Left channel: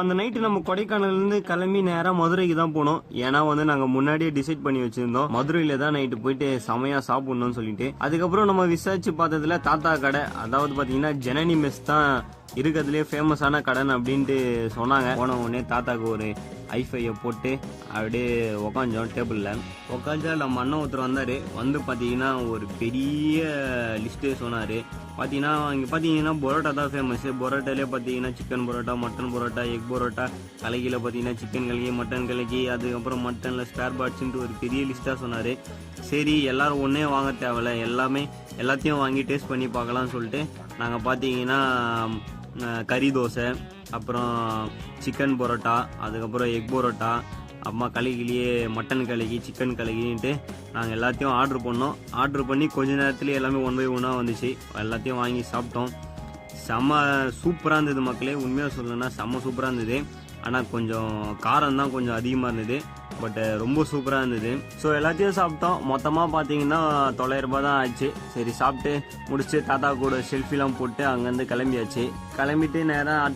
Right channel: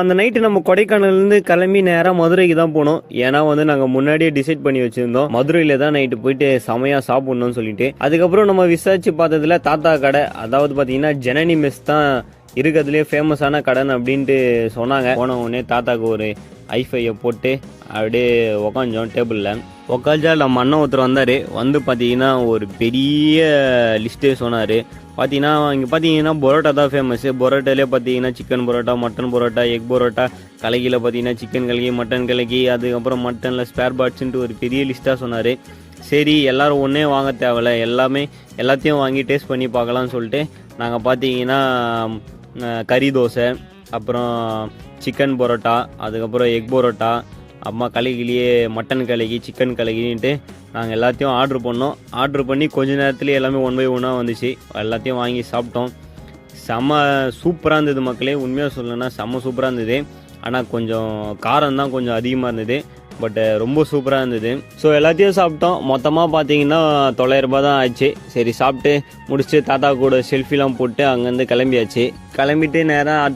அந்த நைட்டு நம்ம கொடைக்கானல்லேருந்து கிளம்பி நேராக மதுரைக்கு தான் போனோம். ஏன்னா வந்து நாங்கள் முன்னாடியே டிசைட் பண்ணி வச்சுருந்தோம் மதுரையில் தான் நைட்டு போயிட்டு செமையாக சாப்பிட்ணும்னு சொல்லிட்டு. அதுக்கப்புறம் நம்ம விசாரிச்சு பார்த்ததுல தாத்தா கடை, அதாவது பார்த்தீங்கன்னா ஜனனி மெஸ் தான் இருக்கிறதுலேயே ஃபேமஸான கடன் அப்படின்ட்டு சொன்னாங்க. போன உடனே தாத்தாவுக்கு ஒரு ஐஃபையை போட்டு அப்படியே உக்காஞ்சோம். டேபிளில் உக்காஞ்சா நம்ம அண்ணன் ஒருத்தர் வந்தார். வந்து பார்த்தீங்கன்னா ஒரு பெரிய லிஸ்ட்டே சொன்னார். பார்த்தீங்கன்னா இங்கே பார்த்தீங்கன்னா பரோட்டா தான் ஃபேமஸ்ஸு. பரோட்டாலே பார்த்தீங்கன்னா chicken parotta, mutton parotta, egg parotta, கலக்கியில் பார்த்தீங்கன்னா சிக்கன் கலக்கி, மட்டன் கலக்கி, அதுக்கப்புறம் மட்டனில் ஸ்பேர் பார்ட்ஸுன்ட்டு ஒரு பெரிய லிஸ்ட்டாக சொன்னார். சரி எல்லோரும் ஒன்றே வாங்க தேவையில்ல, எல்லாத்தையும் வாங்கி டேஸ்ட் பண்ணி பார்க்கலாம்னு சொல்லிட்டு நாங்கள் பார்த்தீங்கன்னா கறி தோசை, அப்புறம் சிக்கன் பரோட்டா, அதுக்கப்புறம் எக் பரோட்டா, அம்மா கலக்கிலேயே மட்டன் கலக்கி, சிக்கன் கலக்கின்ட்டு நாங்கள் எல்லாத்தையும் ஆர்டர் பண்ணோம். ஆர்டர் பண்ணி கொஞ்ச நேரத்துலேயே எல்லாமே 1 by 1 வந்துச்சு. எல்லாத்தையும் வாங்கி சாப்பிட்டோம். செம்ம சூப்பராக இருந்தது மக்களே. உண்மையாக சொல்லணும்னா செம்ம சூப்பராக இருந்தது. ஆனால் கொஞ்சம் காரம் தான் கொஞ்சம் அதிகமாக இருந்தது. பட் ரொம்ப சூப்பராக இருந்தது. ஸோ எல்லாத்தையும் சாப்பிட்டோம். மொத்தமாக பார்த்தீங்கன்னா 900 ரூபாய் தான் ஆச்சு. சரி சாப்பிட்டு முடிச்சுட்டு தாத்தா கூட செல்ஃபிலாம் போட்டு அங்கேருந்து கிளம்பியாச்சு. கிளம்பிட்டு நேராக